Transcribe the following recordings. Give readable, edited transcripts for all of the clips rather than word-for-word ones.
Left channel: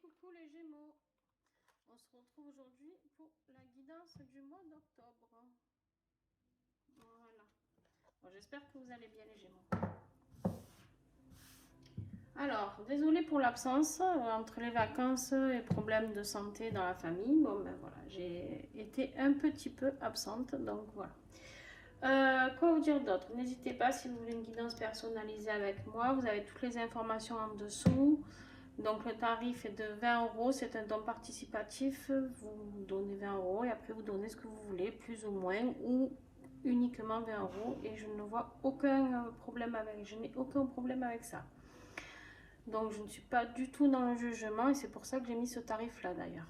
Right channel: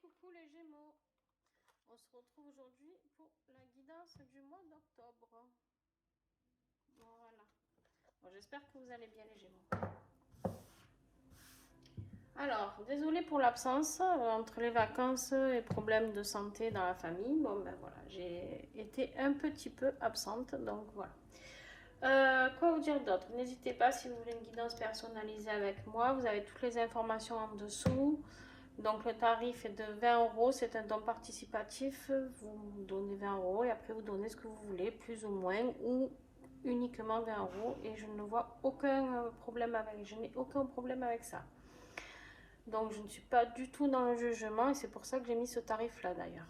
Coucou les Gémeaux, on se retrouve aujourd'hui pour la guidance du mois d'octobre. Voilà. Bon, j'espère que vous allez bien les Gémeaux. Alors, désolée pour l'absence, entre les vacances et problèmes de santé dans la famille. Bon ben voilà, j'ai été un petit peu absente, donc voilà. Quoi vous dire d'autre? N'hésitez pas si vous voulez une guidance personnalisée avec moi, vous avez toutes les informations en dessous. Donc le tarif est de 20 euros, c'est un don participatif, vous donnez 20 euros et après vous donnez ce que vous voulez, plus ou moins, ou uniquement 20 euros et je ne vois aucun problème avec ça. Donc je ne suis pas du tout dans le jugement et c'est pour ça que j'ai mis ce tarif là d'ailleurs.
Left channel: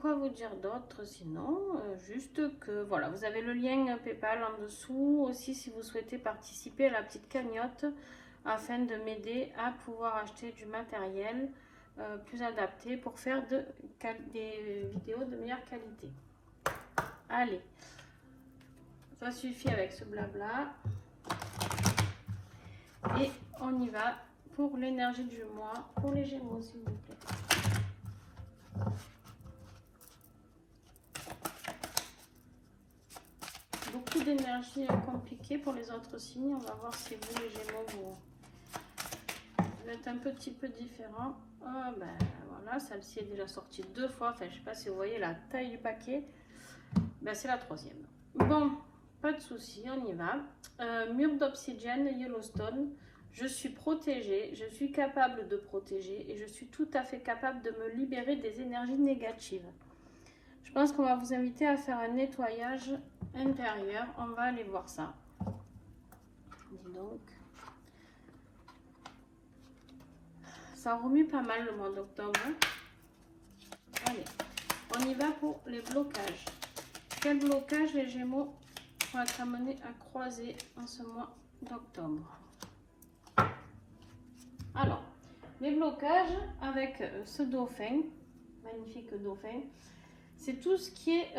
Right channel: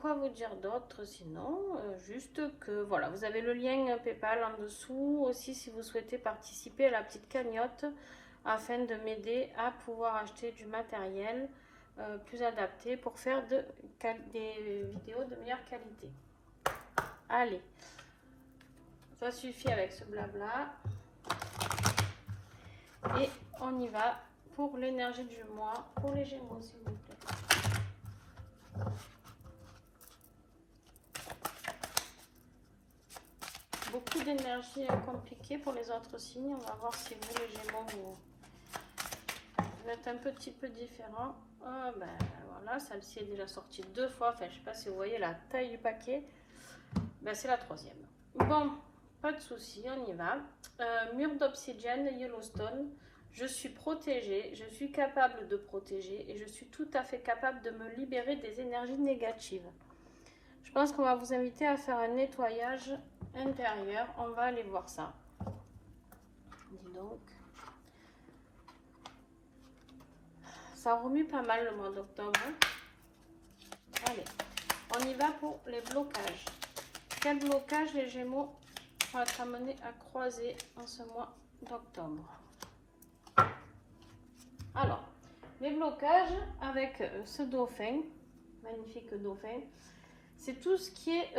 Quoi vous dire d'autre sinon, juste que voilà, vous avez le lien PayPal en dessous aussi si vous souhaitez participer à la petite cagnotte afin de m'aider à pouvoir acheter du matériel plus adapté pour faire des vidéos de meilleure qualité. Allez, ça suffit avec ce blabla et on y va pour l'énergie du mois pour les Gémeaux s'il vous plaît. Beaucoup d'énergie compliquée pour les autres signes. On va voir si vous, les Gémeaux, vous êtes un petit peu différent. Oh, ben voilà, celle-ci est déjà sortie 2 fois. Enfin, je ne sais pas si vous voyez la taille du paquet. Ben, c'est la 3e. Bon, pas de souci, on y va. Mur d'obsidienne, Yellowstone. Je suis protégée, je suis capable de protéger et je suis tout à fait capable de me libérer des énergies négatives. Je pense qu'on va vous inviter à faire un nettoyage intérieur. On va aller voir ça. Dis donc. Ça remue pas mal le mois d'octobre. Allez, on y va pour les blocages. Quel blocage les Gémeaux vont être amenés à croiser en ce mois d'octobre? Alors, les blocages avec ce dauphin, magnifique dauphin, c'est tout ce qui est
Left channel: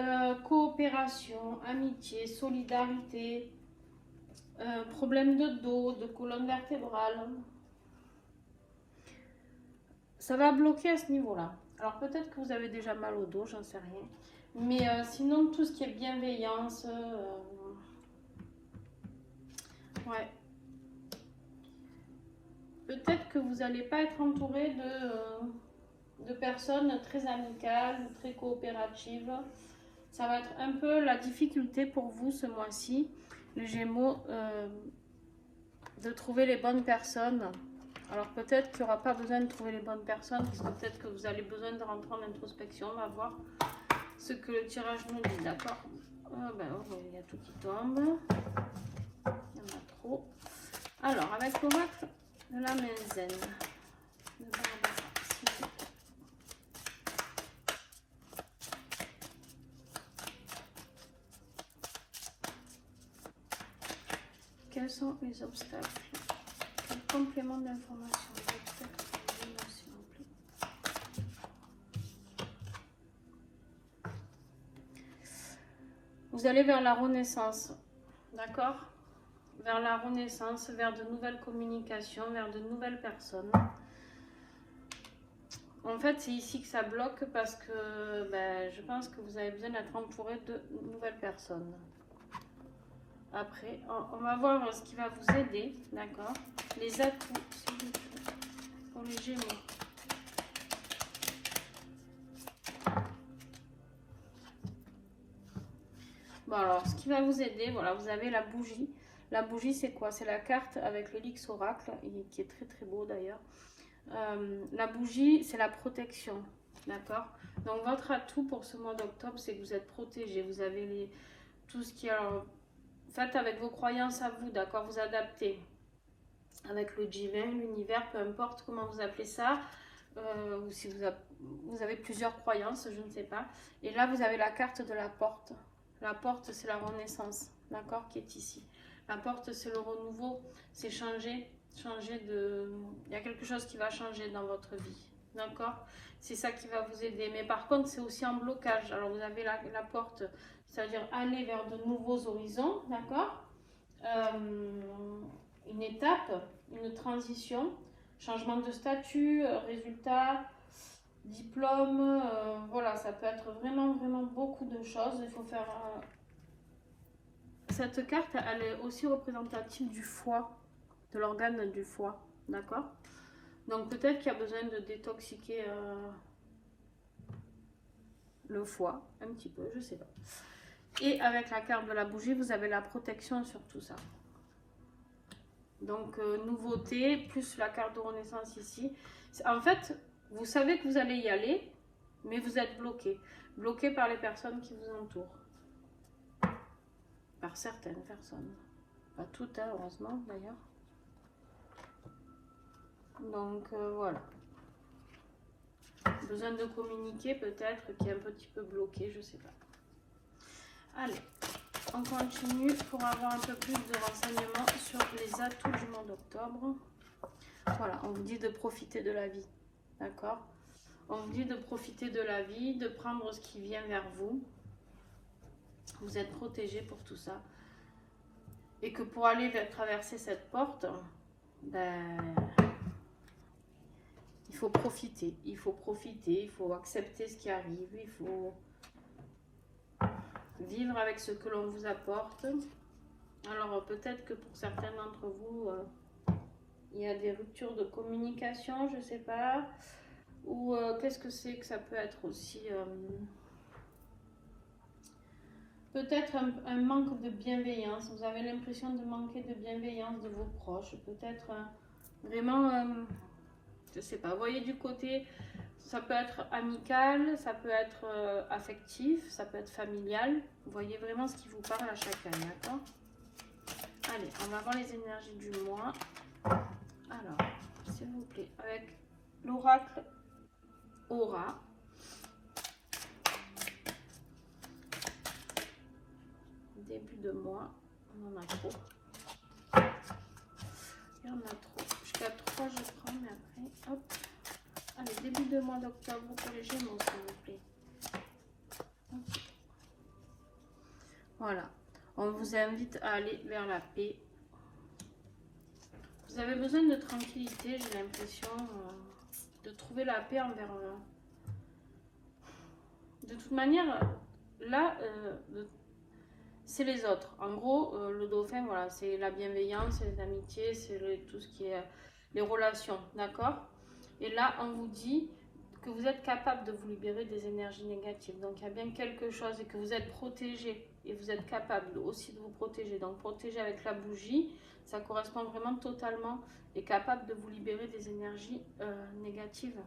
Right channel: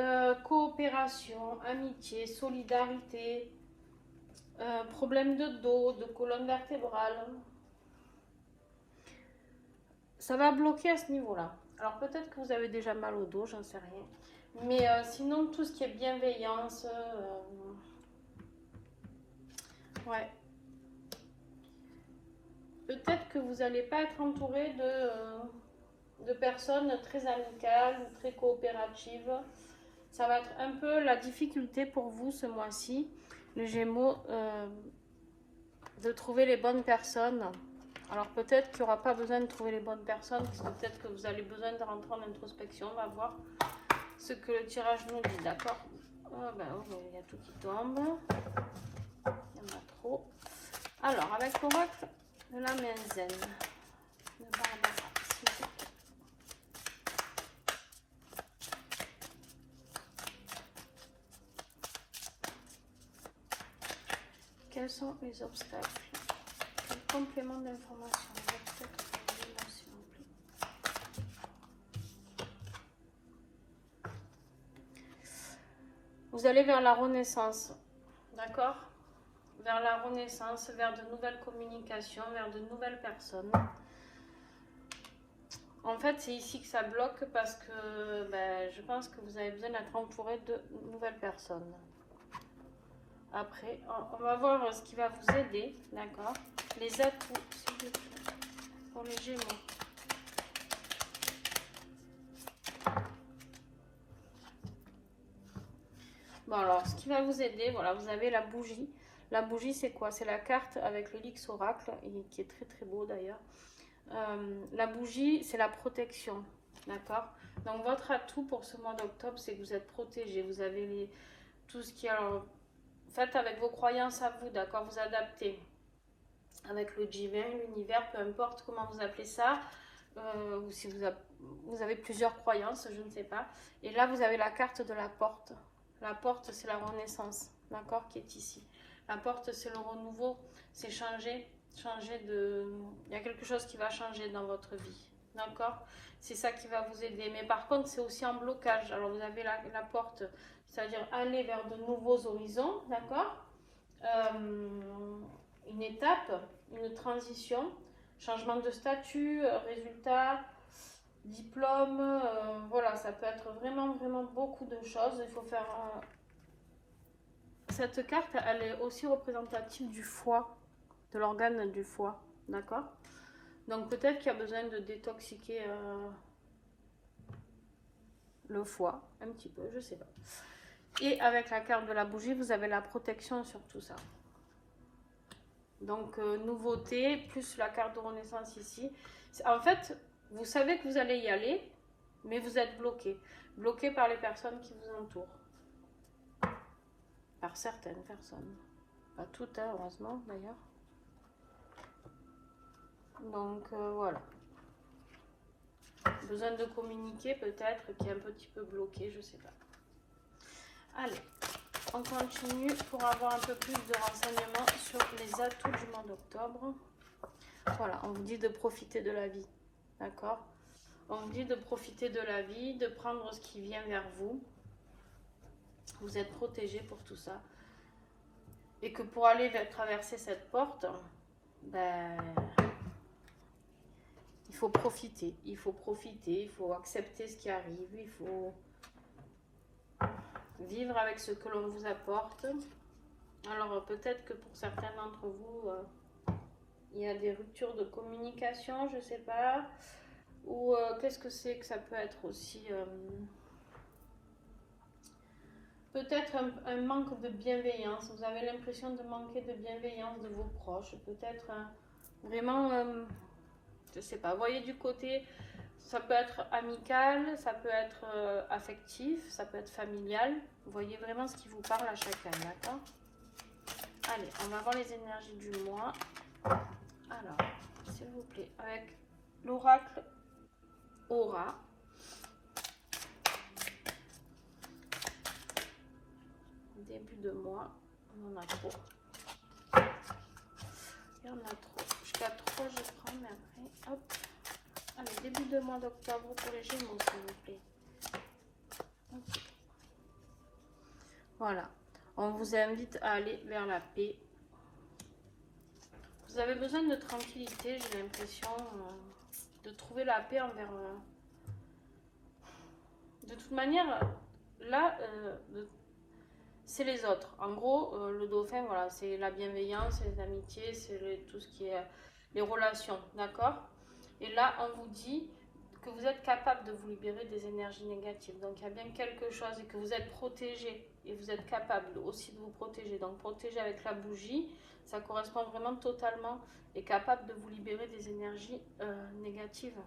coopération, amitié, solidarité, problème de dos, de colonne vertébrale. Ça va bloquer à ce niveau-là. Alors peut-être que vous avez déjà mal au dos, j'en sais rien. Mais sinon, tout ce qui est bienveillance, ouais. Peut-être que vous n'allez pas être entouré de personnes très amicales ou très coopératives. Ça va être un peu la difficulté pour vous ce mois-ci, les Gémeaux, de trouver les bonnes personnes. Alors peut-être qu'il n'y aura pas besoin de trouver les bonnes personnes, parce que peut-être que vous avez besoin de rentrer en introspection. On va voir ce que le tirage nous dit, d'accord? Oh, ben, il y a tout qui tombe. Il y en a trop. Alors, avec l'oracle de la Menzen. Quels sont les obstacles? Quel complément d'information? Vous allez vers la renaissance, d'accord? Vers la renaissance, vers de nouvelles communications, vers de nouvelles personnes. En fait, c'est ici que ça bloque parce que ben, je pense que vous avez besoin d'être entouré de nouvelles personnes. Après, on va voir ce qui va vous aider, d'accord? Les atouts, pour les Gémeaux. Bon, alors, ce qui va vous aider, voilà, vous avez la bougie. La bougie, c'est quoi? C'est la carte avec l'Helix Oracle, qui est très très beau d'ailleurs. La bougie, c'est la protection, d'accord? Donc, votre atout pour ce mois d'octobre, c'est que vous êtes protégé. Vous avez tout ce qui est... Faites avec vos croyances à vous, d'accord? Vous adaptez avec le divin, l'univers, peu importe comment vous appelez ça. Ou si vous avez plusieurs croyances, je ne sais pas. Et là, vous avez la carte de la porte. La porte, c'est la renaissance, d'accord, qui est ici. La porte, c'est le renouveau, c'est changer de... Il y a quelque chose qui va changer dans votre vie, d'accord? C'est ça qui va vous aider. Mais par contre, c'est aussi en blocage. Alors, vous avez la porte, c'est-à-dire aller vers de nouveaux horizons, d'accord? Une étape, une transition. changement de statut, résultat, diplôme, voilà, ça peut être vraiment, vraiment beaucoup de choses. Il faut faire... Cette carte, elle est aussi représentative du foie, de l'organe du foie, d'accord? Donc peut-être qu'il y a besoin de détoxiquer le foie, un petit peu, je sais pas. Et avec la carte de la bougie, vous avez la protection sur tout ça. Donc nouveauté, plus la carte de renaissance ici. En fait, vous savez que vous allez y aller, mais vous êtes bloqué. Bloqué par les personnes qui vous entourent. Par certaines personnes. Pas toutes, hein, heureusement d'ailleurs. Donc voilà. Besoin de communiquer peut-être, qui est un petit peu bloqué, je sais pas. Allez, on continue pour avoir un peu plus de renseignements sur les atouts du mois d'octobre. Voilà, on vous dit de profiter de la vie, d'accord? On vous dit de profiter de la vie, de prendre ce qui vient vers vous. Vous êtes protégé pour tout ça. Et que pour aller traverser cette porte, ben, il faut profiter, il faut accepter ce qui arrive, il faut vivre avec ce que l'on vous apporte. Alors peut-être que pour certains d'entre vous, il y a des ruptures de communication, je sais pas. Ou qu'est-ce que c'est que ça peut être aussi peut-être un manque de bienveillance. Vous avez l'impression de manquer de bienveillance de vos proches. Peut-être vraiment, je sais pas, voyez du côté, ça peut être amical, ça peut être affectif, ça peut être familial. Voyez vraiment ce qui vous parle à chacun, d'accord? Allez, on va voir les énergies du mois. Alors, s'il vous plaît, avec l'oracle Aura. Début de mois, on en a trop. Il y en a trop. Jusqu'à 3, je prends, mais après, hop. Allez, début de mois d'octobre pour les Gémeaux, s'il vous plaît. Okay. Voilà. On vous invite à aller vers la paix. Vous avez besoin de tranquillité, j'ai l'impression, de trouver la paix envers... De toute manière, là, c'est les autres. En gros, le dauphin, voilà, c'est la bienveillance, les amitiés, c'est tout ce qui est les relations, d'accord? Et là, on vous dit que vous êtes capable de vous libérer des énergies négatives. Donc, il y a bien quelque chose et que vous êtes protégé et vous êtes capable aussi de vous protéger. Donc, protéger avec la bougie, ça correspond vraiment totalement et capable de vous libérer des énergies négatives.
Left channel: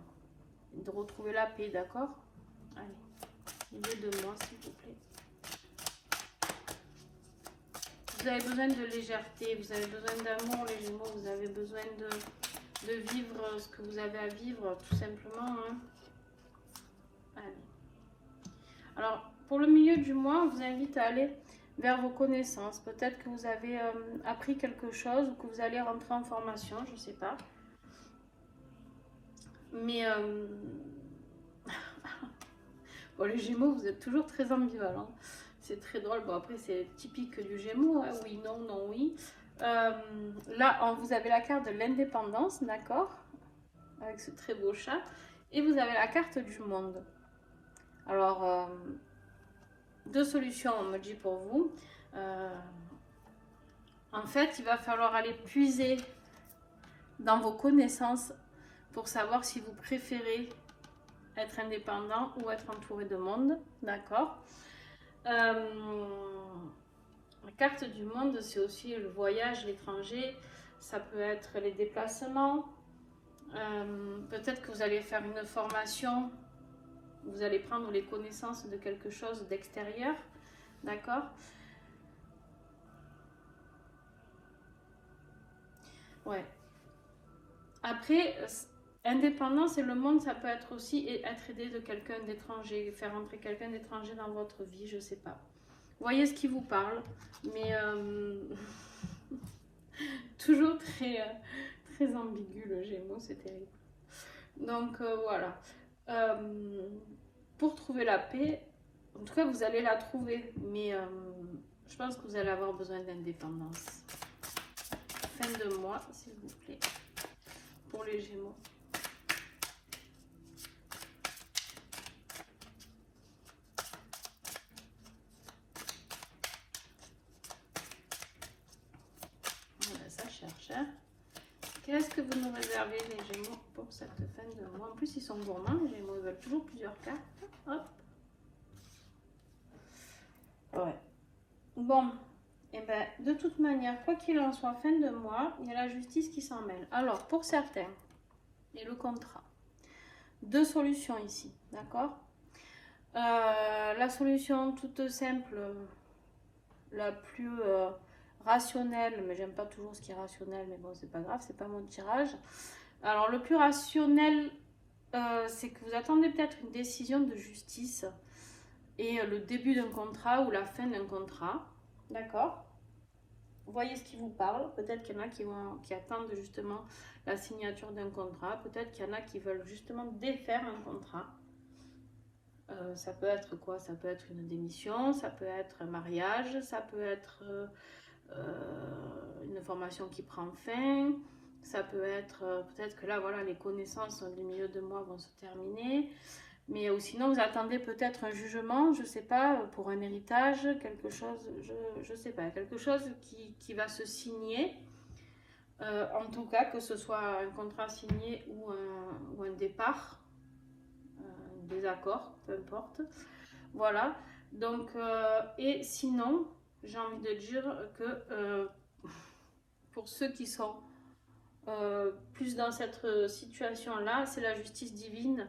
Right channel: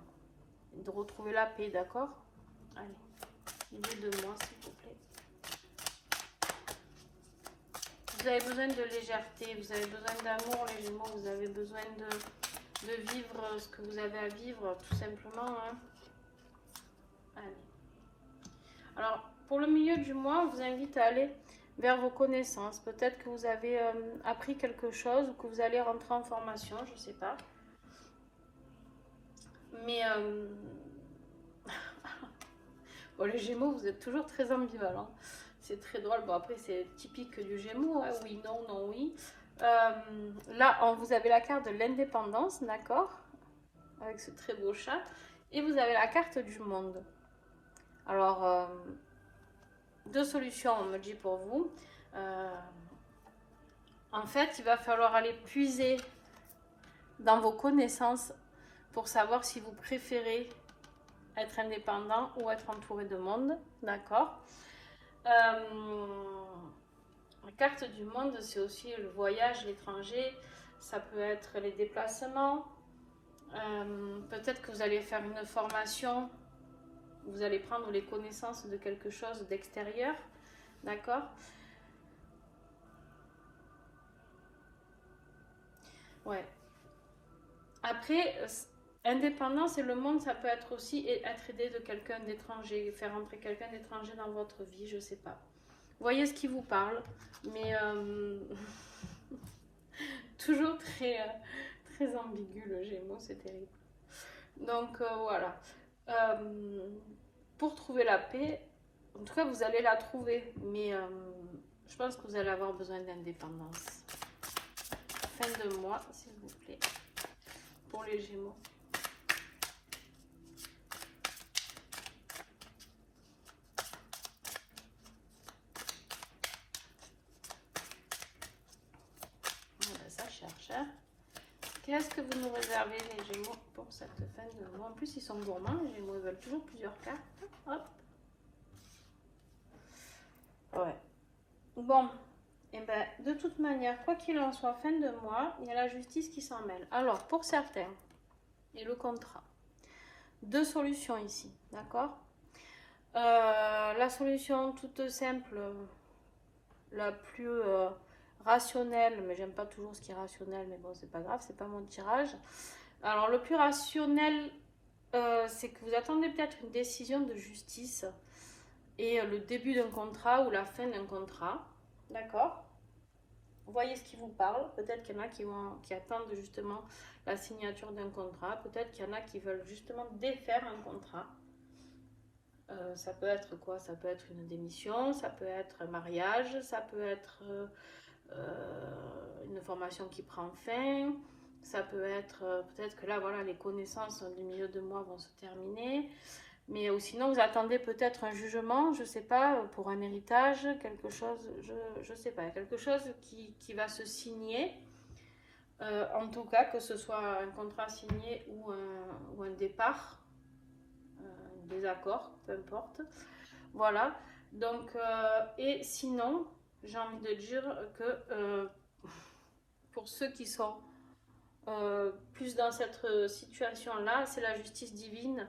Et de retrouver la paix, d'accord? Allez, milieu de moi, s'il vous plaît. Vous avez besoin de légèreté, vous avez besoin d'amour, les Gémeaux, vous avez besoin de vivre ce que vous avez à vivre, tout simplement. Hein. Allez. Alors, pour le milieu du mois, on vous invite à aller vers vos connaissances. Peut-être que vous avez appris quelque chose ou que vous allez rentrer en formation, je ne sais pas. Mais, bon, les Gémeaux, vous êtes toujours très ambivalents. C'est très drôle. Bon, après, c'est typique du Gémeaux. Hein. Oui, non, non, oui. Là, vous avez la carte de l'indépendance, d'accord? Avec ce très beau chat. Et vous avez la carte du monde. Alors, deux solutions, on me dit pour vous. En fait, il va falloir aller puiser dans vos connaissances pour savoir si vous préférez être indépendant ou être entouré de monde, d'accord? La carte du monde, c'est aussi le voyage, l'étranger, ça peut être les déplacements, peut-être que vous allez faire une formation, vous allez prendre les connaissances de quelque chose d'extérieur, d'accord? Ouais. Après, indépendance et le monde, ça peut être aussi être aidé de quelqu'un d'étranger, faire entrer quelqu'un d'étranger dans votre vie, je sais pas. Voyez ce qui vous parle, mais toujours très ambigu le Gémeaux, c'est terrible. Donc voilà. Pour trouver la paix, en tout cas vous allez la trouver, mais je pense que vous allez avoir besoin d'indépendance. Fin de mois, s'il vous plaît. pour les Gémeaux. Voilà, ça cherche. Hein. Qu'est-ce que vous nous réservez, les Gémeaux, pour cette fin de mois? En plus, ils sont gourmands, les Gémeaux. Ils veulent toujours plusieurs cartes. Hop. Ouais. Bon. Et ben, de toute manière, quoi qu'il en soit, fin de mois, il y a la justice qui s'en mêle. Alors, pour certains, et le contrat. Deux solutions ici, d'accord? La solution toute simple, la plus rationnelle, mais j'aime pas toujours ce qui est rationnel, mais bon, c'est pas grave, c'est pas mon tirage. Alors, le plus rationnel, c'est que vous attendez peut-être une décision de justice et le début d'un contrat ou la fin d'un contrat, d'accord? Vous voyez ce qui vous parle. Peut-être qu'il y en a qui attendent justement la signature d'un contrat. Peut-être qu'il y en a qui veulent justement défaire un contrat. Ça peut être quoi? Ça peut être une démission, ça peut être un mariage, ça peut être une formation qui prend fin. Ça peut être peut-être que là, voilà, les connaissances du milieu de mois vont se terminer. Mais sinon, vous attendez peut-être un jugement, je ne sais pas, pour un héritage, quelque chose, je ne sais pas, quelque chose qui va se signer. En tout cas, que ce soit un contrat signé ou un départ, un désaccord, peu importe. Voilà. Donc, et sinon, j'ai envie de dire que pour ceux qui sont plus dans cette situation-là, c'est la justice divine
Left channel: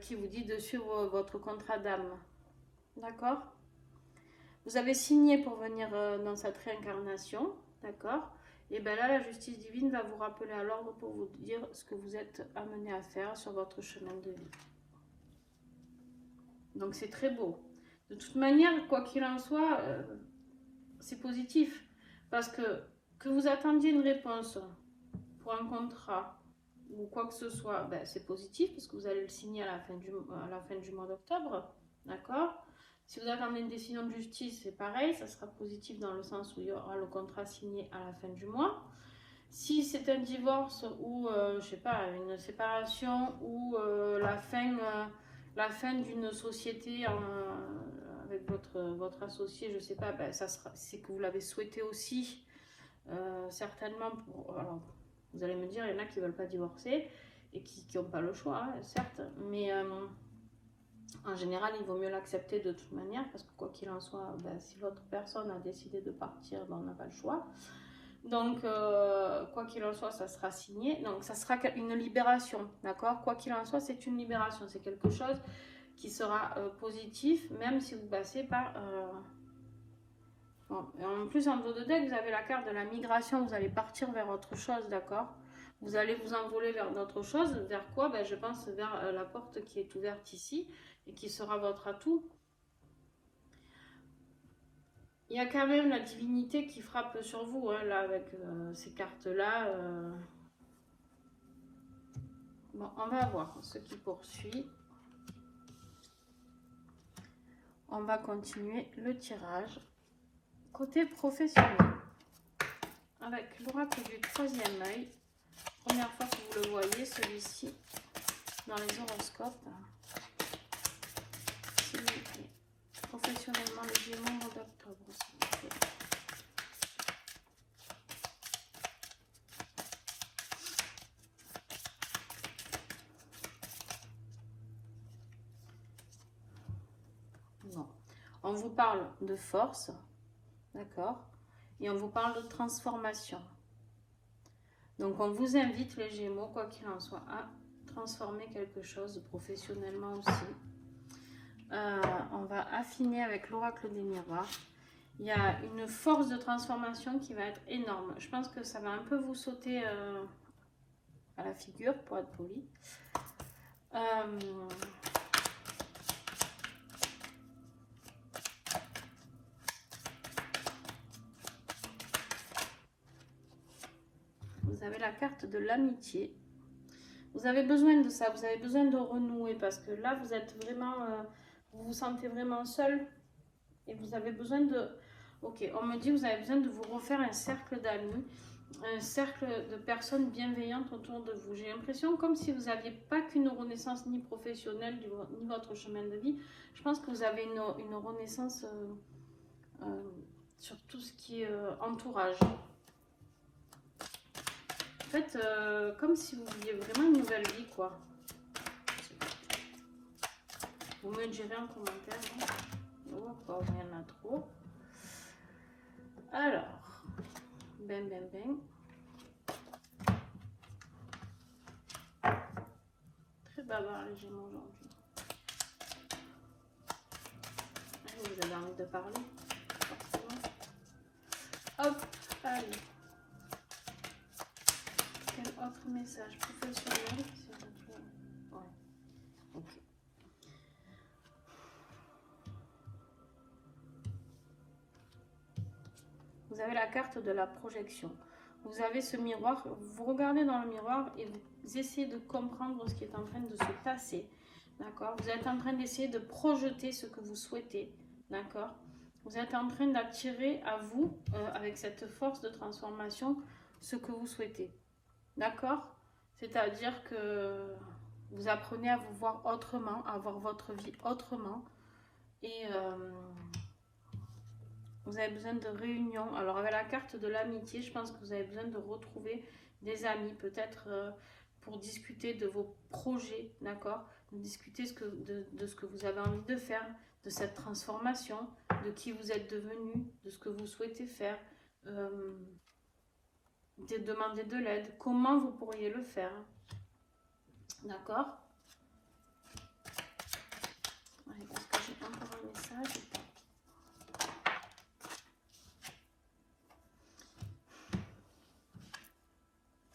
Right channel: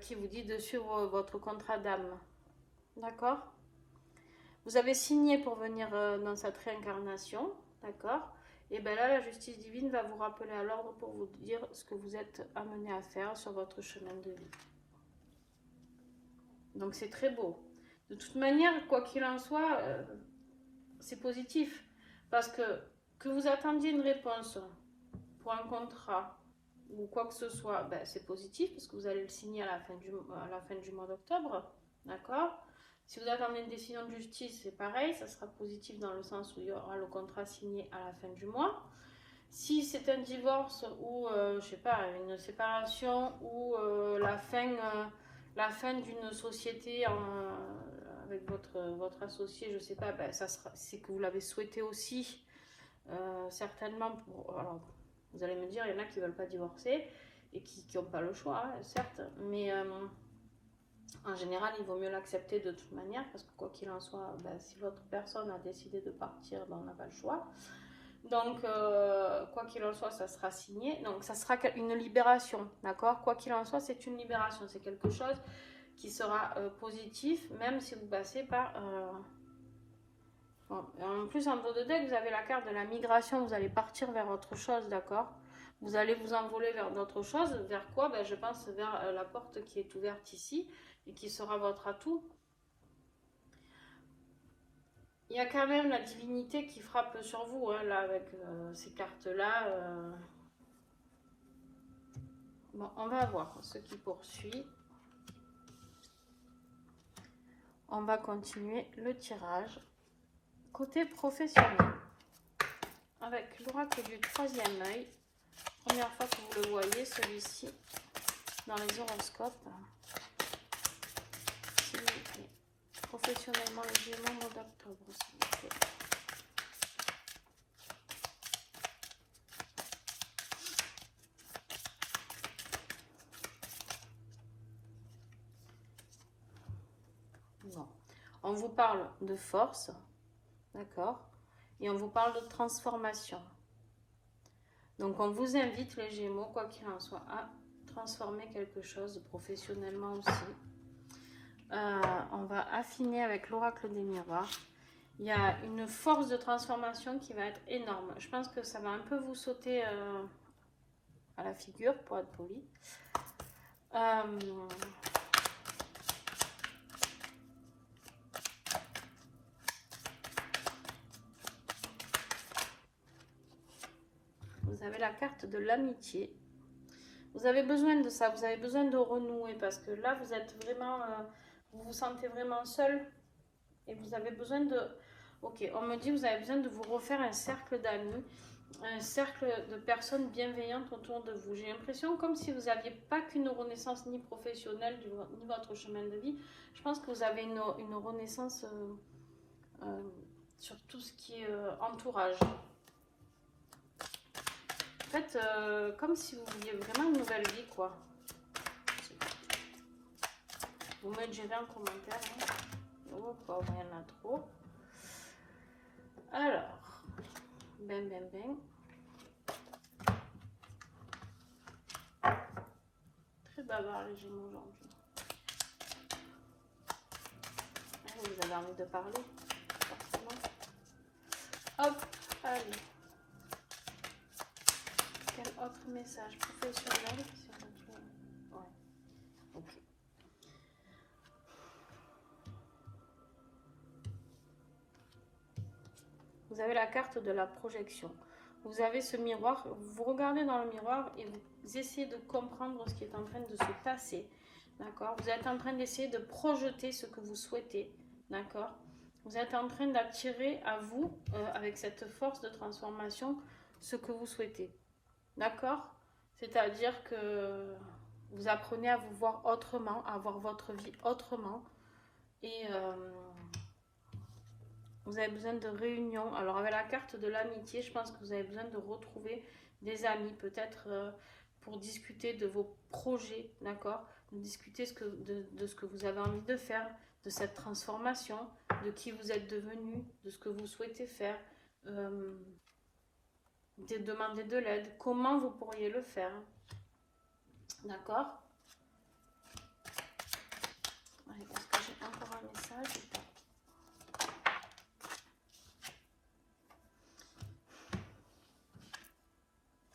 qui vous dit de suivre votre contrat d'âme. D'accord? Vous avez signé pour venir dans cette réincarnation. D'accord? Et bien là, la justice divine va vous rappeler à l'ordre pour vous dire ce que vous êtes amené à faire sur votre chemin de vie. Donc c'est très beau. De toute manière, quoi qu'il en soit, c'est positif. Parce que vous attendiez une réponse pour un contrat ou quoi que ce soit, ben, c'est positif parce que vous allez le signer à la fin du mois d'octobre, d'accord? Si vous attendez une décision de justice, c'est pareil, ça sera positif dans le sens où il y aura le contrat signé à la fin du mois. Si c'est un divorce ou, je sais pas, une séparation ou la fin d'une société avec votre associé, je sais pas, ben, c'est que vous l'avez souhaité aussi, certainement pour... Alors, vous allez me dire, il y en a qui ne veulent pas divorcer et qui n'ont pas le choix, hein, certes, mais en général, il vaut mieux l'accepter de toute manière parce que quoi qu'il en soit, ben, si votre personne a décidé de partir, ben, on n'a pas le choix. Donc, quoi qu'il en soit, ça sera signé. Donc, ça sera une libération, d'accord? Quoi qu'il en soit, c'est une libération. C'est quelque chose qui sera positif, même si vous passez par... Bon, en plus, en dos de deck, vous avez la carte de la migration. Vous allez partir vers autre chose, d'accord? Vous allez vous envoler vers d'autres choses. Vers quoi? Ben, je pense vers la porte qui est ouverte ici et qui sera votre atout. Il y a quand même la divinité qui frappe sur vous, hein, là, avec ces cartes-là. Bon, on va voir ce qui poursuit. On va continuer le tirage. Côté professionnel, avec l'oracle du troisième œil, première fois que vous le voyez, celui-ci, dans les horoscopes, s'il vous plaît. Professionnellement, les Gémeaux, mois d'octobre, s'il vous plaît. Bon. On vous parle de force, d'accord? Et on vous parle de transformation. Donc, on vous invite, les Gémeaux, quoi qu'il en soit, à transformer quelque chose professionnellement aussi. On va affiner avec l'oracle des miroirs. Il y a une force de transformation qui va être énorme. Je pense que ça va un peu vous sauter à la figure, pour être poli. Vous avez la carte de l'amitié. Vous avez besoin de ça, vous avez besoin de renouer parce que là, vous êtes vraiment, vous vous sentez vraiment seul et vous avez besoin de... Ok, on me dit que vous avez besoin de vous refaire un cercle d'amis un cercle de personnes bienveillantes autour de vous. J'ai l'impression comme si vous n'aviez pas qu'une renaissance ni professionnelle, ni votre chemin de vie. Je pense que vous avez une renaissance sur tout ce qui est entourage. En fait, comme si vous viviez vraiment une nouvelle vie, quoi. Vous me direz en commentaire. Hein. Oh, il y en a trop. Alors, ben. Très bavard les Gémeaux aujourd'hui. Vous avez envie de parler, forcément. Hop, allez. Quel autre message professionnel? Ouais, ok. Vous avez la carte de la projection. Vous avez ce miroir, vous regardez dans le miroir et vous essayez de comprendre ce qui est en train de se passer. D'accord? Vous êtes en train d'essayer de projeter ce que vous souhaitez. D'accord? Vous êtes en train d'attirer à vous, avec cette force de transformation, ce que vous souhaitez. D'accord? C'est-à-dire que vous apprenez à vous voir autrement, à voir votre vie autrement. Et vous avez besoin de réunions. Alors avec la carte de l'amitié, je pense que vous avez besoin de retrouver des amis, peut-être pour discuter de vos projets, d'accord? De discuter de ce que vous avez envie de faire, de cette transformation, de qui vous êtes devenu, de ce que vous souhaitez faire, de demander de l'aide, comment vous pourriez le faire, d'accord? Est-ce que j'ai encore un message?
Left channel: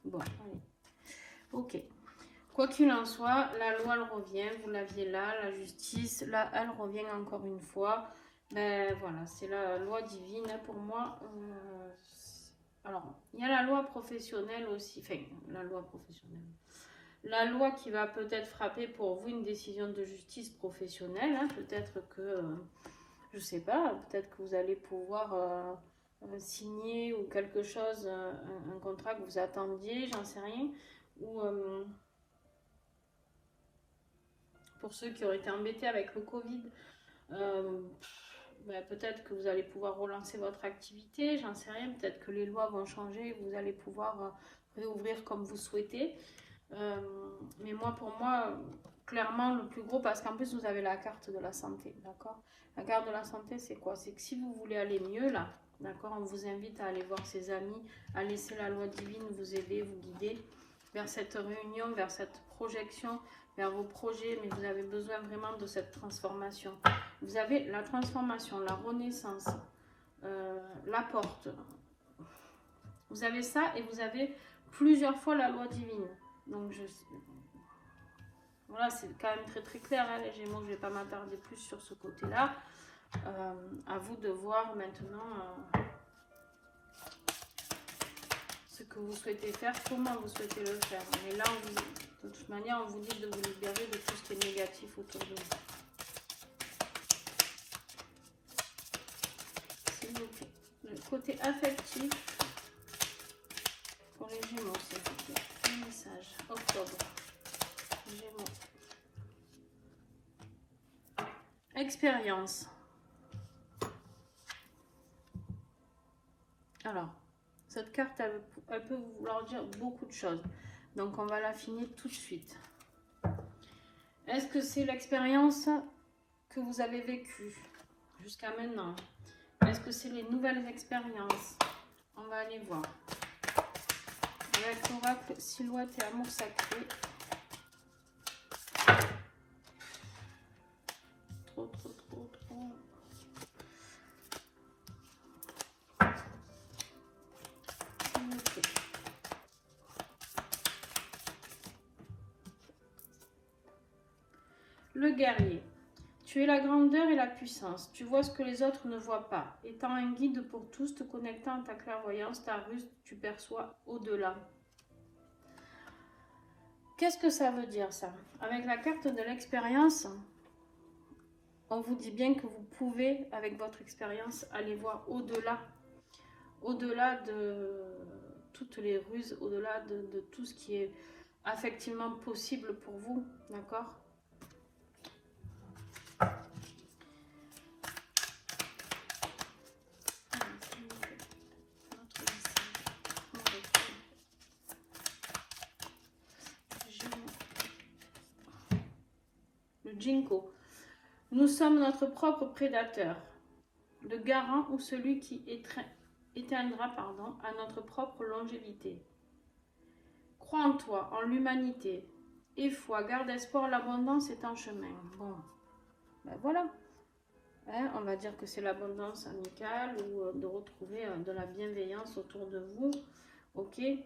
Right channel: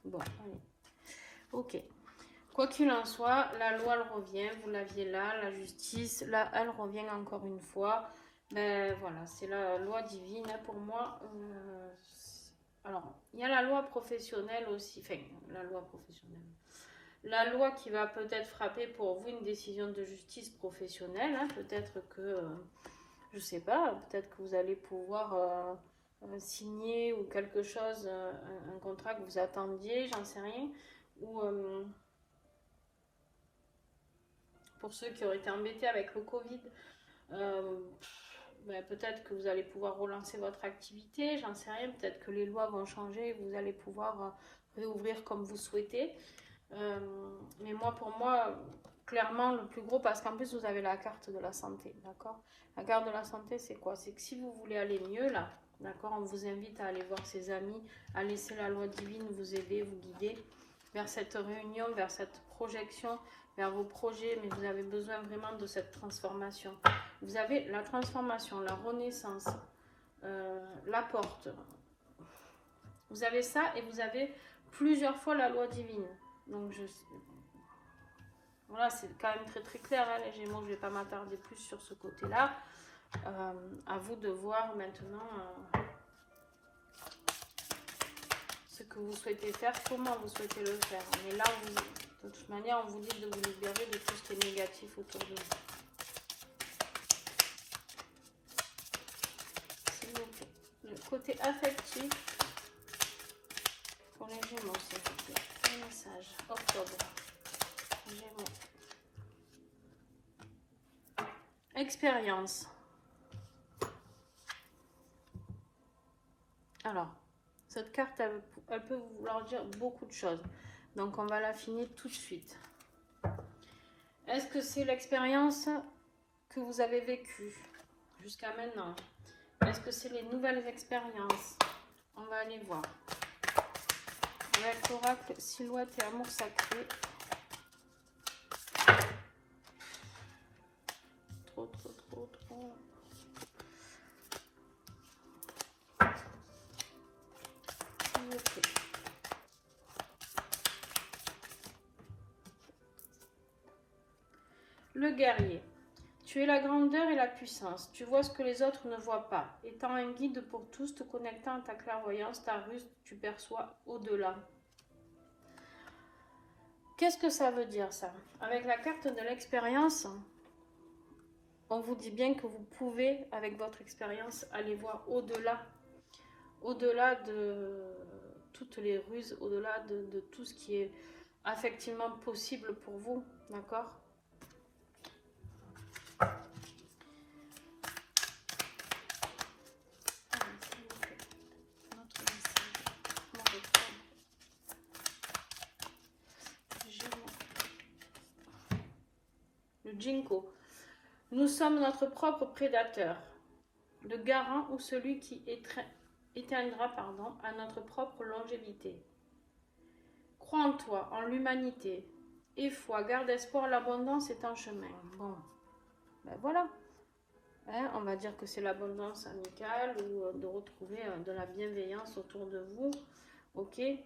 Bon, allez. Ok. Quoi qu'il en soit, la loi, elle revient. Vous l'aviez là, la justice. Là, elle revient encore une fois. Ben voilà, c'est la loi divine pour moi. Alors, il y a la loi professionnelle aussi. Enfin, la loi professionnelle. La loi qui va peut-être frapper pour vous une décision de justice professionnelle. Hein. Peut-être que, je sais pas, peut-être que vous allez pouvoir signer ou quelque chose, un contrat que vous attendiez, j'en sais rien. Ou pour ceux qui auraient été embêtés avec le Covid, ben, peut-être que vous allez pouvoir relancer votre activité, j'en sais rien. Peut-être que les lois vont changer, vous allez pouvoir réouvrir comme vous souhaitez. Mais moi, pour moi, clairement, le plus gros, parce qu'en plus, vous avez la carte de la santé, d'accord? La carte de la santé, c'est quoi? C'est que si vous voulez aller mieux, là, d'accord, on vous invite à aller voir ses amis, à laisser la loi divine vous aider, vous guider vers cette réunion, vers cette projection, vers vos projets, mais vous avez besoin vraiment de cette transformation. Vous avez la transformation, la renaissance, la porte. Vous avez ça et vous avez plusieurs fois la loi divine. Donc, voilà, c'est quand même très très clair, hein, les Gémeaux. Je ne vais pas m'attarder plus sur ce côté-là. À vous de voir maintenant ce que vous souhaitez faire, comment vous souhaitez le faire. Mais là, de toute manière, on vous dit de vous libérer de tout ce qui est négatif autour de vous. S'il vous plaît. Le côté affectif pour les Gémeaux, s'il vous plaît. Un message. Octobre. Gémeaux. Expérience. Alors, cette carte, elle peut vouloir dire beaucoup de choses. Donc, on va l'affiner tout de suite. Est-ce que c'est l'expérience que vous avez vécue jusqu'à maintenant? Est-ce que c'est les nouvelles expériences? On va aller voir. Avec l'oracle, silhouette et amour sacré. Trop. Okay. Le guerrier. Tu es la grandeur et la puissance. Tu vois ce que les autres ne voient pas. Étant un guide pour tous, te connectant à ta clairvoyance, ta ruse, tu perçois au-delà. Qu'est-ce que ça veut dire, ça? Avec la carte de l'expérience, on vous dit bien que vous pouvez, avec votre expérience, aller voir au-delà. Au-delà toutes les ruses, au-delà de tout ce qui est effectivement possible pour vous, d'accord? Le Jinko. Nous sommes notre propre prédateur, le garant ou celui qui éteindra à notre propre longévité. Crois en toi, en l'humanité. Et foi, garde espoir, l'abondance est en chemin. Bon, ben voilà. Hein, on va dire que c'est l'abondance amicale ou de retrouver de la bienveillance autour de vous. Ok. Et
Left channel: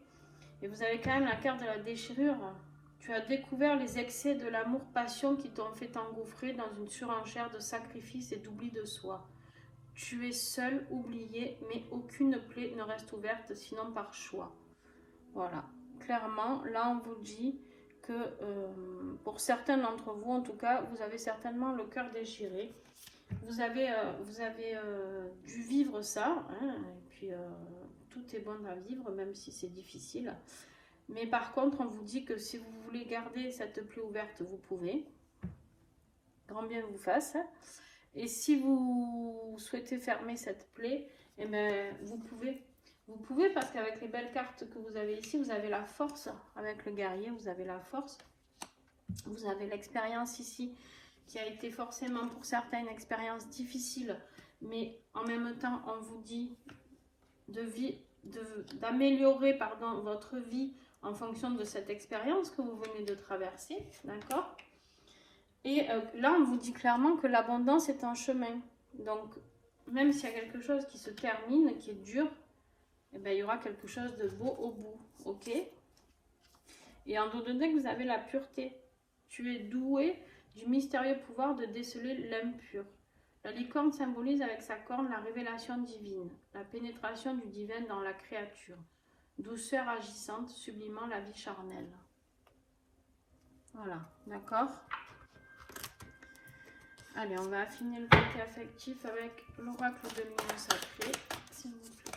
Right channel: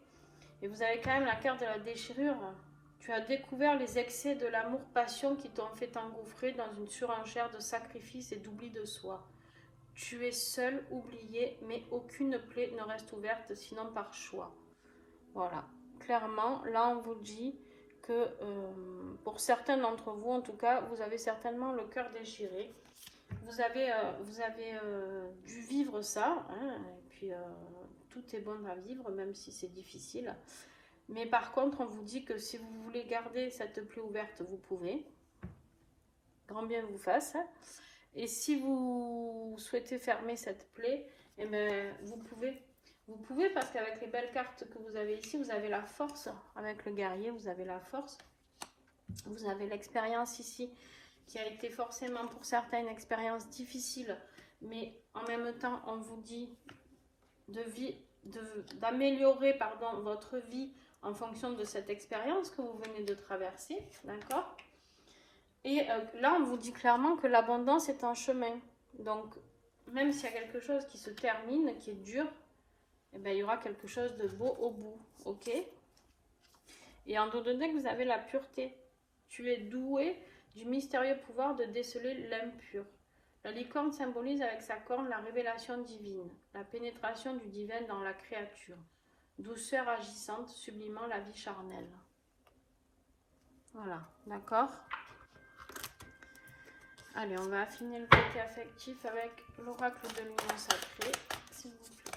vous avez quand même la carte de la déchirure. Tu as découvert les excès de l'amour-passion qui t'ont fait t'engouffrer dans une surenchère de sacrifices et d'oubli de soi. Tu es seul, oublié, mais aucune plaie ne reste ouverte, sinon par choix. Voilà. Clairement, là, on vous dit que pour certains d'entre vous, en tout cas, vous avez certainement le cœur déchiré. Vous avez dû vivre ça, hein, et puis tout est bon à vivre, même si c'est difficile. Mais par contre, on vous dit que si vous voulez garder cette plaie ouverte, vous pouvez. Grand bien vous fasse. Et si vous souhaitez fermer cette plaie, eh ben, vous pouvez. Vous pouvez parce qu'avec les belles cartes que vous avez ici, vous avez la force. Avec le guerrier, vous avez la force. Vous avez l'expérience ici qui a été forcément pour certains une expérience difficile. Mais en même temps, on vous dit d'améliorer votre vie en fonction de cette expérience que vous venez de traverser. D'accord ? Et là, on vous dit clairement que l'abondance est en chemin. Donc, même s'il y a quelque chose qui se termine, qui est dur, eh ben, il y aura quelque chose de beau au bout. Ok ? Et en donné que vous avez la pureté. Tu es doué du mystérieux pouvoir de déceler l'impur. La licorne symbolise avec sa corne la révélation divine, la pénétration du divin dans la créature. Douceur agissante, sublimant la vie charnelle. Voilà, d'accord ? Allez, on va affiner le côté affectif avec l'oracle de l'union sacrée, s'il vous plaît.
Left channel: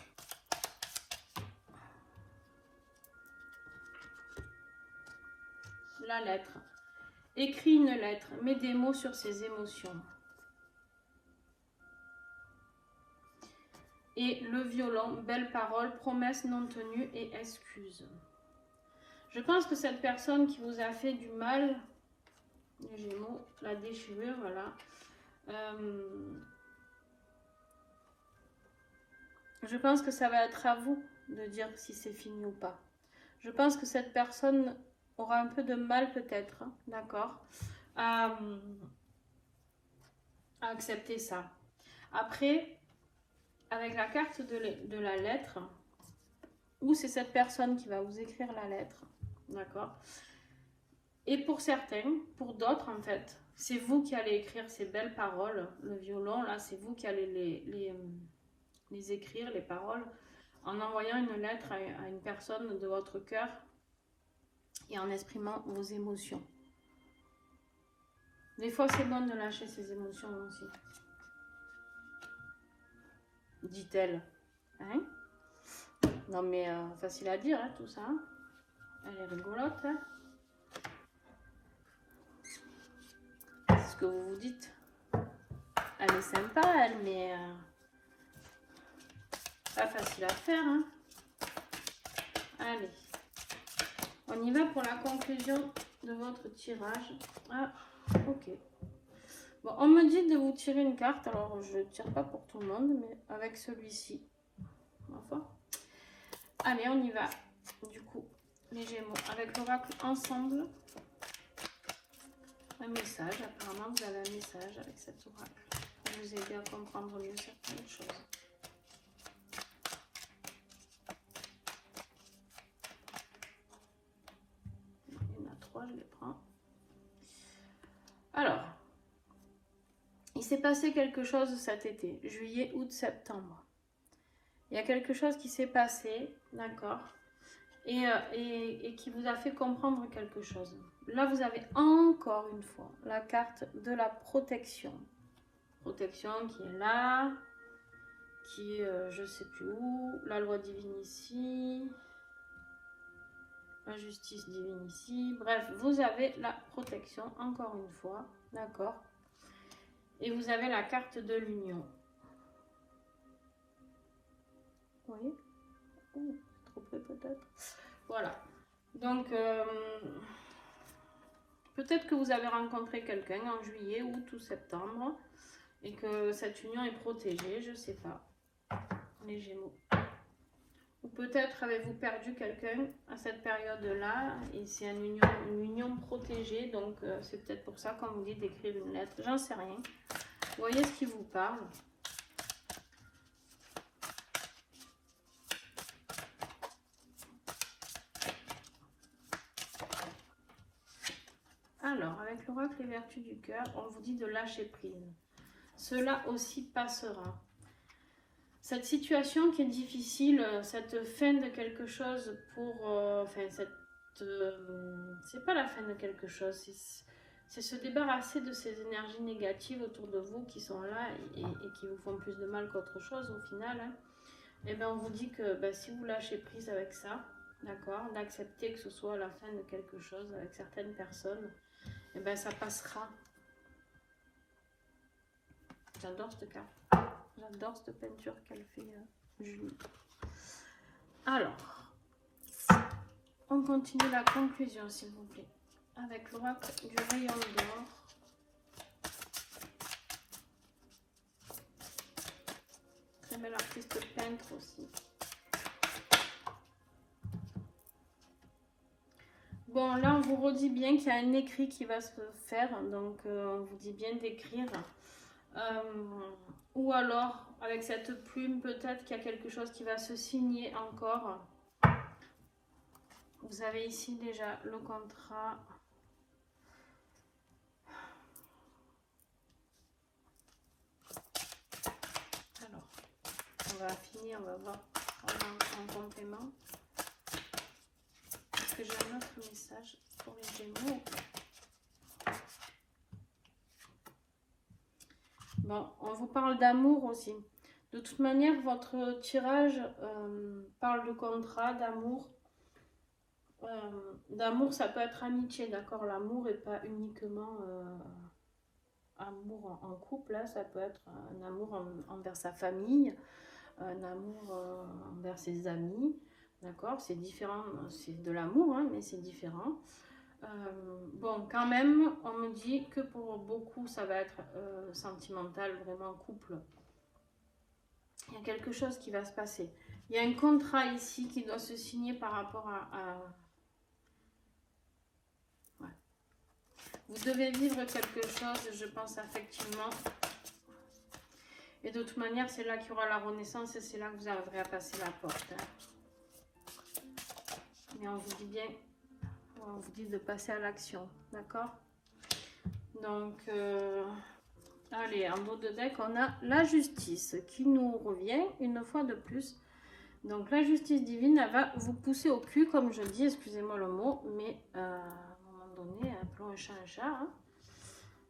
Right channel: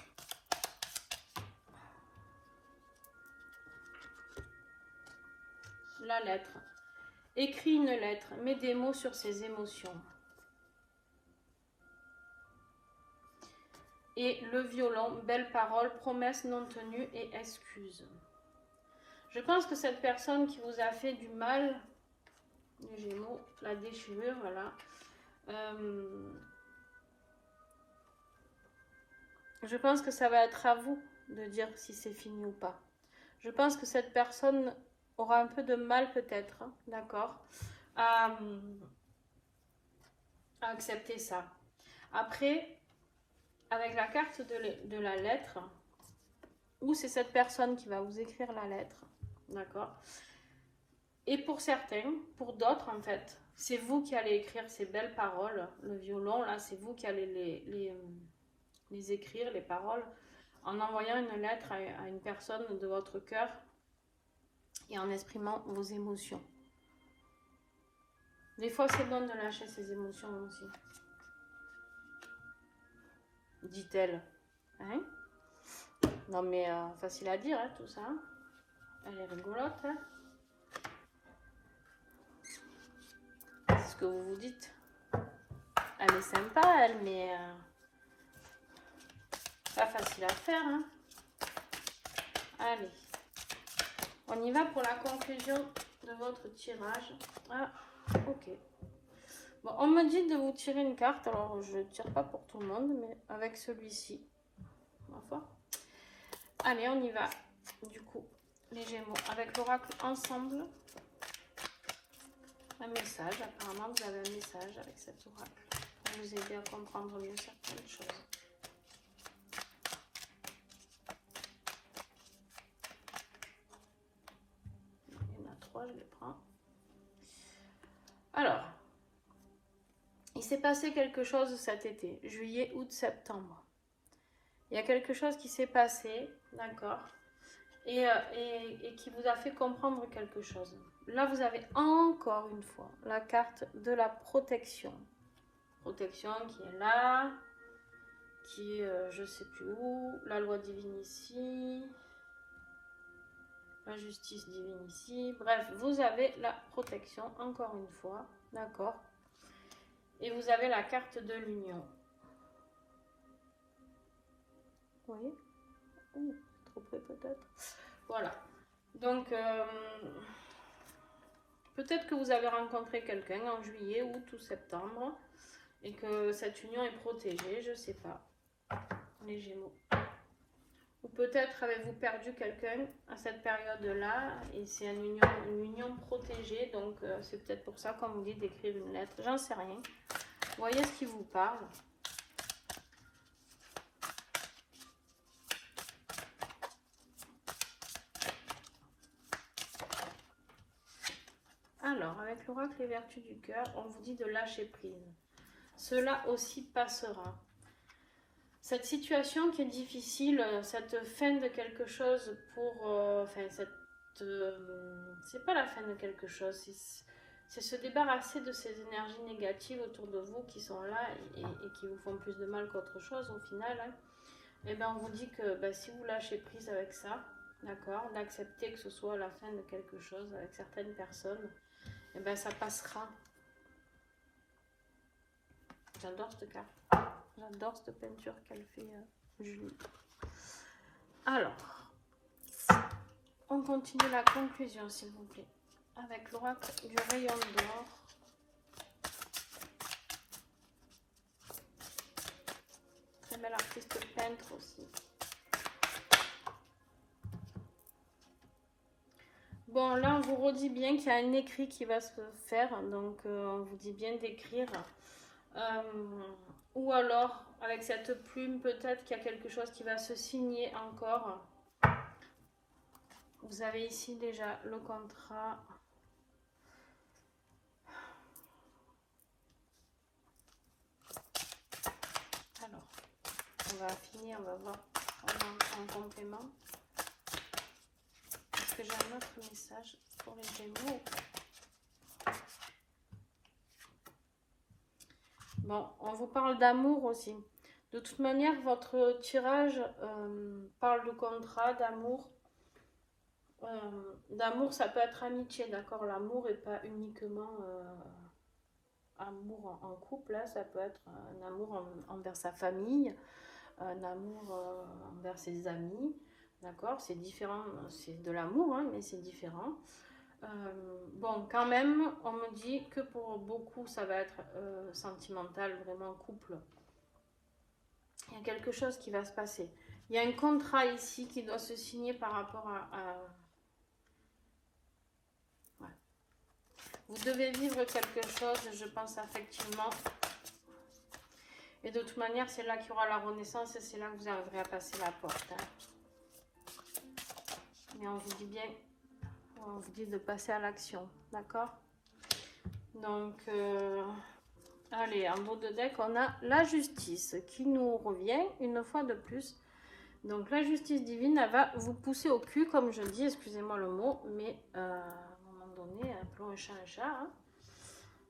La lettre. Écris une lettre, mets des mots sur ses émotions. Et le violon, belle parole, promesse non tenue et excuse. Je pense que cette personne qui vous a fait du mal, les Gémeaux, la déchirure, voilà. Je pense que ça va être à vous de dire si c'est fini ou pas. Je pense que cette personne aura un peu de mal peut-être, hein, d'accord, à accepter ça. Après, avec la carte de la lettre, ou c'est cette personne qui va vous écrire la lettre, d'accord. Et pour certains, pour d'autres en fait, c'est vous qui allez écrire ces belles paroles. Le violon, là, c'est vous qui allez les écrire, les paroles, en envoyant une lettre à une personne de votre cœur et en exprimant vos émotions. Des fois, c'est bon de lâcher ses émotions aussi. Dit-elle. Hein? Non mais facile à dire, hein, tout ça. Elle est rigolote. Hein, c'est ce que vous vous dites. Elle est sympa, elle, mais pas facile à faire. Hein. Allez. On y va pour la conclusion de votre tirage. Ah, ok. Bon, on me dit de vous tirer une carte. Alors, je ne tire pas pour tout le monde, mais avec celui-ci. Enfin. Allez, on y va. Du coup, les Gémeaux, avec l'oracle ensemble. Un message. Apparemment, vous avez un message avec cet oracle pour vous aider à comprendre mieux certaines choses. Il y en a 3, je les prends. Alors, il s'est passé quelque chose cet été, juillet, août, septembre. Il y a quelque chose qui s'est passé, d'accord, et qui vous a fait comprendre quelque chose. Là, vous avez encore une fois la carte de la protection. Protection qui est là, qui est je ne sais plus où, la loi divine ici, La justice divine ici. Bref, vous avez la protection, encore une fois. D'accord. Et vous avez la carte de l'union. Oui. Trop près peut-être. Voilà. Donc, peut-être que vous avez rencontré quelqu'un en juillet, août ou septembre. Et que cette union est protégée, je ne sais pas. Les Gémeaux. Ou peut-être avez-vous perdu quelqu'un à cette période-là et c'est une union protégée, donc c'est peut-être pour ça qu'on vous dit d'écrire une lettre, j'en sais rien. Voyez ce qui vous parle. Alors, avec l'oracle et vertus du cœur, on vous dit de lâcher prise. Cela aussi passera. Cette situation qui est difficile, cette fin de quelque chose c'est pas la fin de quelque chose, c'est se débarrasser de ces énergies négatives autour de vous qui sont là et qui vous font plus de mal qu'autre chose au final. Hein. Et bien on vous dit que si vous lâchez prise avec ça, d'accord, d'accepter que ce soit la fin de quelque chose avec certaines personnes, et bien ça passera. J'adore cette carte. J'adore cette peinture qu'elle fait, Julie. Alors, on continue la conclusion, s'il vous plaît, avec l'oracle du rayon d'or. Très belle artiste peintre aussi. Bon, là, on vous redit bien qu'il y a un écrit qui va se faire, donc on vous dit bien d'écrire. Ou alors, avec cette plume, peut-être qu'il y a quelque chose qui va se signer encore. Vous avez ici déjà le contrat. Alors, on va finir, on va voir en complément. Est-ce que j'ai un autre message pour les Gémeaux? Bon, on vous parle d'amour aussi. De toute manière, votre tirage parle de contrat, d'amour. D'amour, ça peut être amitié, d'accord? L'amour n'est pas uniquement amour en couple, là, ça peut être un amour envers sa famille, un amour envers ses amis, d'accord? C'est différent, c'est de l'amour, hein, mais c'est différent. Bon, quand même, on me dit que pour beaucoup, ça va être sentimental, vraiment couple. Il y a quelque chose qui va se passer. Il y a un contrat ici qui doit se signer par rapport à... Ouais. Vous devez vivre quelque chose, je pense, effectivement. Et de toute manière, c'est là qu'il y aura la renaissance et c'est là que vous arriverez à passer la porte. Hein. Mais on vous dit bien... On vous dit de passer à l'action, d'accord? Donc, allez, en dos de deck, on a la justice qui nous revient une fois de plus. Donc, la justice divine, elle va vous pousser au cul, comme je dis, excusez-moi le mot, mais à un moment donné, appelons un chat un chat. Hein.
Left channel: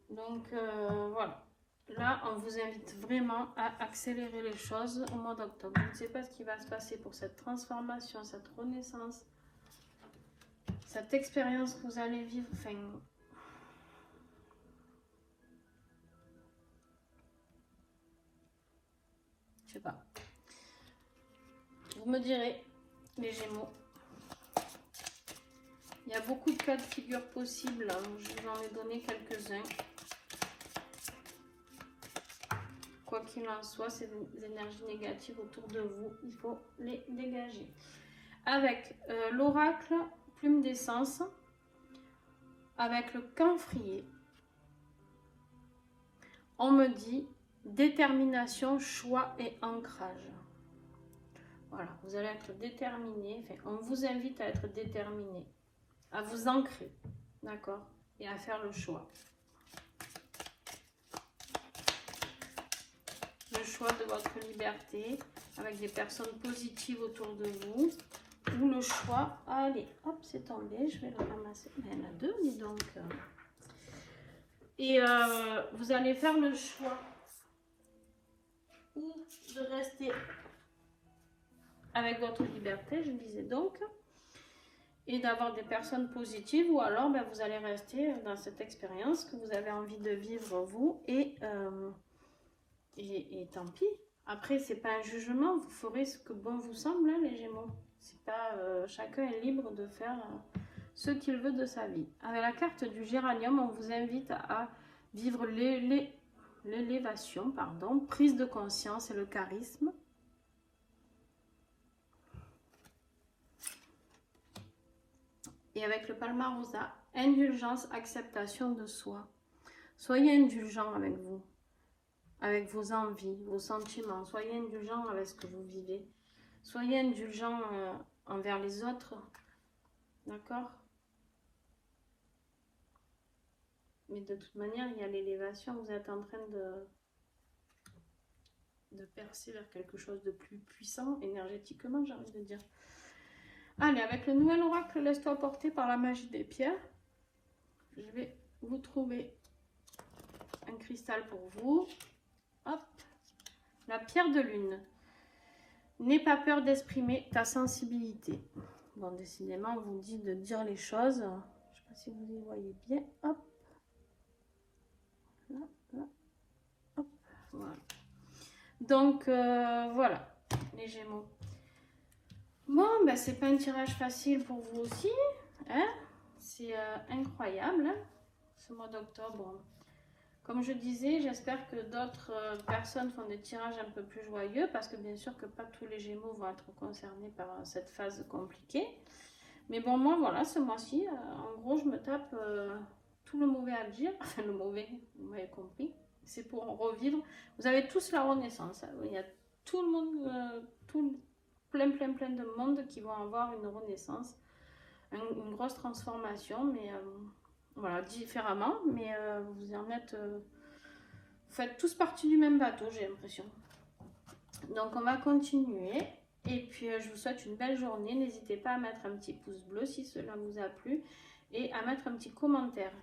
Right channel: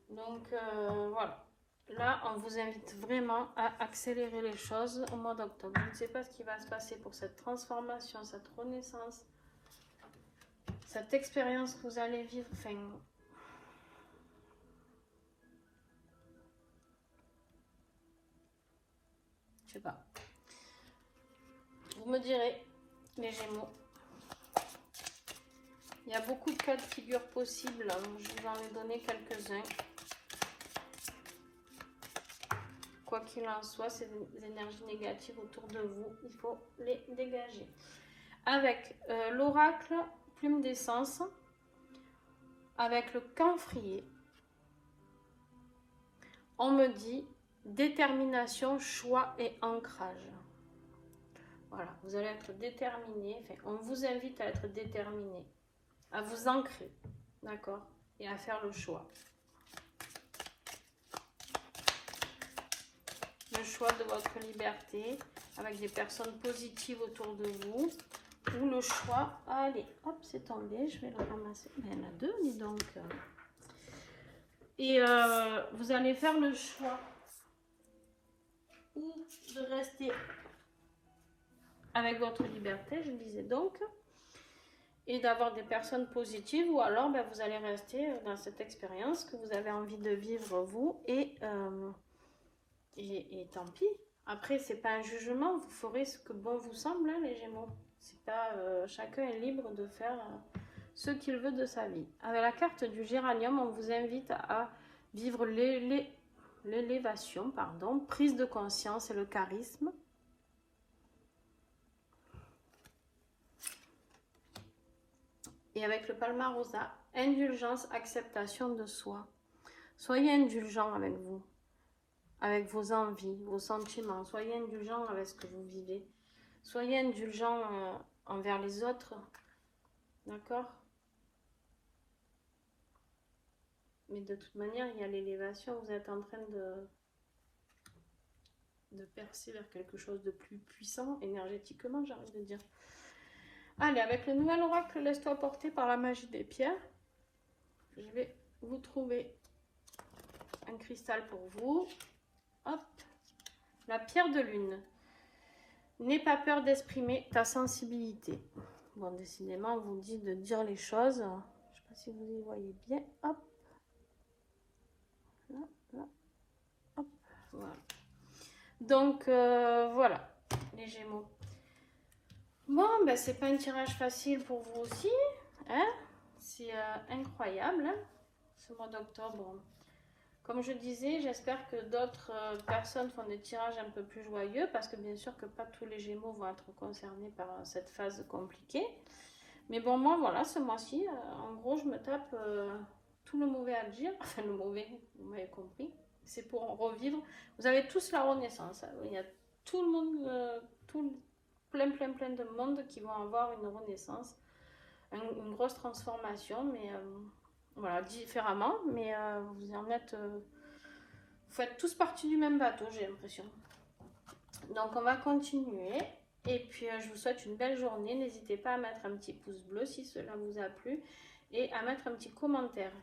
Donc, voilà. Là, on vous invite vraiment à accélérer les choses au mois d'octobre. Je ne sais pas ce qui va se passer pour cette transformation, cette renaissance. Cette expérience que vous allez vivre, enfin, je sais pas. Vous me direz, les Gémeaux. Il y a beaucoup de cas de figure possibles. Je vous en ai donné quelques-uns. Quoi qu'il en soit, ces énergies négatives autour de vous, il faut les dégager. Avec l'oracle plume d'essence, avec le camphrier, on me dit détermination, choix et ancrage. Voilà, vous allez être déterminé, enfin, on vous invite à être déterminé, à vous ancrer, d'accord, et à faire le choix. Le choix de votre liberté, avec des personnes positives autour de vous, ou le choix, allez, hop, c'est tombé, je vais le ramasser, il y en a deux, donc, et vous allez faire le choix ou de rester avec votre liberté, je disais donc, et d'avoir des personnes positives, ou alors ben, vous allez rester dans cette expérience que vous avez envie de vivre vous, et tant pis. Après, c'est pas un jugement, vous ferez ce que bon vous semble, hein, les Gémeaux. C'est pas, chacun est libre de faire ce qu'il veut de sa vie. Avec la carte du géranium, on vous invite à vivre l'élévation, pardon, prise de conscience et le charisme. Et avec le palmarosa, indulgence, acceptation de soi. Soyez indulgent avec vous, avec vos envies, vos sentiments. Soyez indulgent avec ce que vous vivez. Soyez indulgent envers les autres. D'accord? Mais de toute manière, il y a l'élévation. Vous êtes en train de percer vers quelque chose de plus puissant, énergétiquement, j'ai envie de dire. Allez, avec le nouvel oracle, laisse-toi porter par la magie des pierres. Je vais vous trouver un cristal pour vous. Hop, la pierre de lune. N'aie pas peur d'exprimer ta sensibilité. Bon, décidément, on vous dit de dire les choses. Je ne sais pas si vous les voyez bien. Hop. Là, là. Hop. Voilà. Donc, voilà, les Gémeaux. Bon, ben, c'est pas un tirage facile pour vous aussi. Hein? C'est incroyable, hein, ce mois d'octobre. Comme je disais, j'espère que d'autres personnes font des tirages un peu plus joyeux, parce que bien sûr que pas tous les Gémeaux vont être concernés par cette phase compliquée. Mais bon, moi, voilà, ce mois-ci, en gros, je me tape tout le mauvais à dire. Enfin, le mauvais, vous m'avez compris. C'est pour revivre. Vous avez tous la renaissance. Hein. Il y a tout le monde, plein de monde qui vont avoir une renaissance. Une grosse transformation, mais voilà, différemment. Mais vous en êtes... vous faites tous partie du même bateau, j'ai l'impression. Donc, on va continuer. Et puis, je vous souhaite une belle journée. N'hésitez pas à mettre un petit pouce bleu si cela vous a plu. Et à mettre un petit commentaire.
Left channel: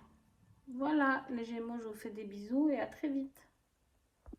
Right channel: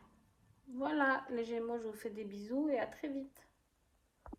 Voilà, les Gémeaux, je vous fais des bisous et à très vite.